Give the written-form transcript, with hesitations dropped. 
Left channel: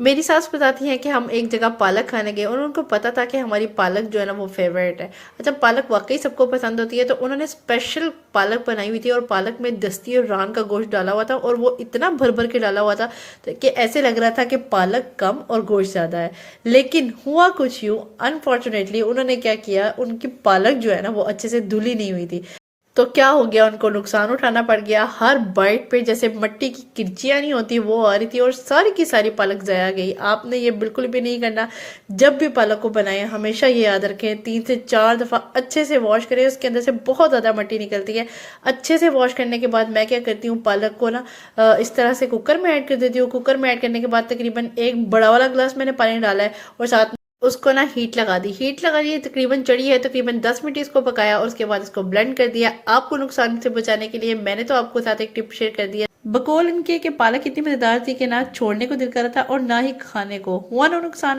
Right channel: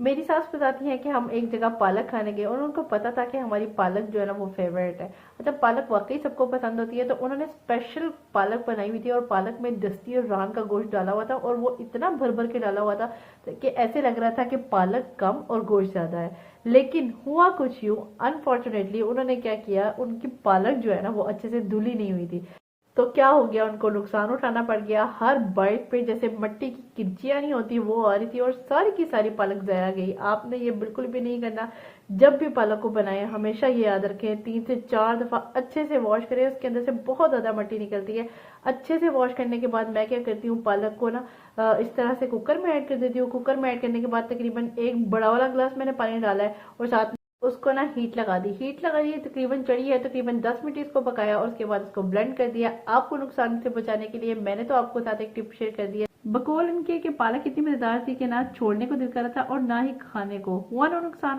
मेरी सास बताती हैं कि हम एक जगह पालक खाने गए और उनको पता था कि हमारी पालक जो है ना वो फेवरेट है। अच्छा, पालक वाकई सबको पसंद होती है, तो उन्होंने स्पेशल पालक बनाई हुई थी और पालक में दस्ती और रान का गोश्त डाला हुआ था और वो इतना भर भर के डाला हुआ था कि ऐसे लग रहा था कि पालक कम और गोश्त ज़्यादा है। लेकिन हुआ कुछ यूँ, अनफॉर्चुनेटली उन्होंने क्या किया, उनकी पालक जो है ना वो अच्छे से धुली नहीं हुई थी। तो क्या हो गया, उनको नुकसान उठाना पड़ गया। हर बाइट पे जैसे मिट्टी की किरचियाँ नहीं होती वो आ रही थी और सारी की सारी पालक ज़ाया गई। आपने ये बिल्कुल भी नहीं करना। जब भी पालक को बनाएं हमेशा ये याद रखें, 3 से 4 दफ़ा अच्छे से वॉश करें, उसके अंदर से बहुत ज़्यादा मिट्टी निकलती है। अच्छे से वॉश करने के बाद मैं क्या करती हूँ, पालक को ना इस तरह से कुकर में ऐड कर देती हूँ। कुकर में ऐड करने के बाद तकरीबन एक बड़ा वाला गिलास मैंने पानी डाला है और साथ उसको ना हीट लगा दी। हीट लगा दी तकरीबन चढ़ी है, तकरीबन 10 मिनट इसको पकाया और उसके बाद इसको ब्लेंड कर दिया। आपको नुकसान से बचाने के लिए मैंने तो आपको साथ एक टिप शेयर कर दिया। बकौल इनके कि पालक इतनी मजेदार थी कि ना छोड़ने को दिल कर रहा था और ना ही खाने को। हुआ ना नुकसान भी।